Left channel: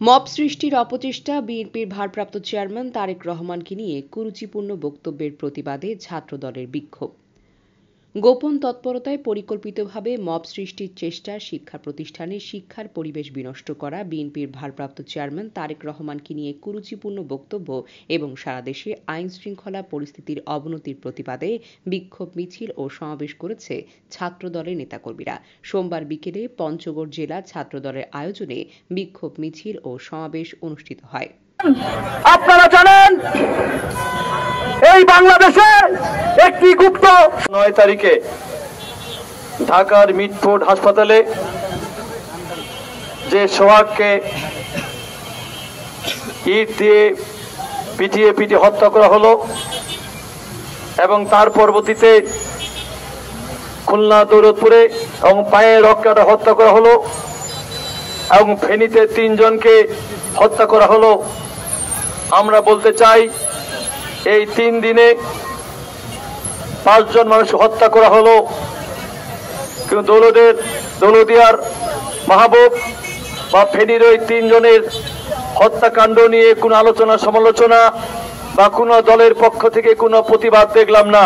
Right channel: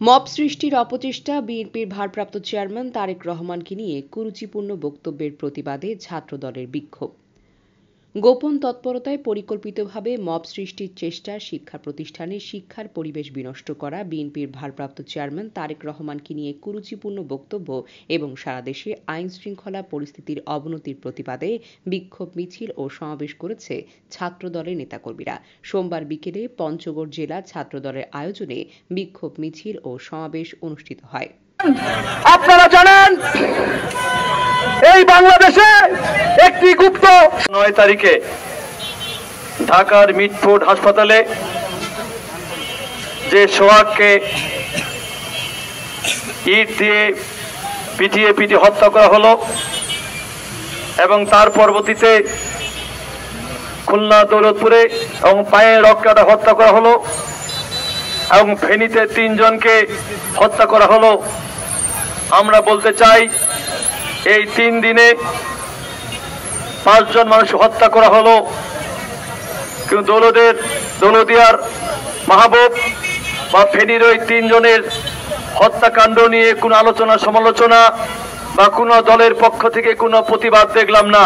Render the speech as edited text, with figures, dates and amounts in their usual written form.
Mob সৃষ্টির অপচেষ্টা, বিএনপির ভারপ্রাপ্ত চেয়ারম্যান তারেক রহমানকে নিয়ে কুরুচিপূর্ণ বক্তব্যের প্রতিবাদে ছাত্রদলের বিক্ষোভ। গোপন তৎপরতায় পরিকল্পিতভাবে মব সৃষ্টির চেষ্টা, শিক্ষা প্রতিষ্ঠানে শিক্ষার পরিবেশ বিনষ্ট করা, বিএনপির ভারপ্রাপ্ত চেয়ারম্যান তারেক রহমানকে নিয়ে কুরুচিপূর্ণ বক্তব্য এবং সারা দেশে আইন শৃঙ্খলা পরিস্থিতির অবনতির প্রতিবাদে বিক্ষোভ মিছিল ও সমাবেশ করেছে ছাত্রদলের নেতাকর্মীরা। সোমবার বিকেলে পঞ্চগড় জেলা ছাত্রদলের আয়োজনে বিক্ষোভ মিছিল ও সমাবেশ অনুষ্ঠিত হয়। আপনারা জানেন এই বাংলাদেশে একটি গুপ্ত 9 তারিখে ঢাকার মিটফোর্ড হাসপাতালে যে সোহাগকে ইট দিয়ে পিটিয়ে হত্যা করা হলো এবং তার পরবর্তীতে খুলনা দৌলতপুরে এবং পায়ে রড কাটা হত্যা করা হলো এবং ফেনীতে 3 জনকে হত্যা করা হলো। আমরা বলতে চাই এই 3 দিনে 5 জন মানুষ হত্যা করা হলো, কিন্তু দৌলদিয়ার মাহবুব বা ফেনীর ওই 3 জনের হত্যাকাণ্ড নিয়ে কোনো আলোচনা সমালোচনা বা কোনো দলের পক্ষ থেকে কোনো প্রতিবাদ দেখলাম না।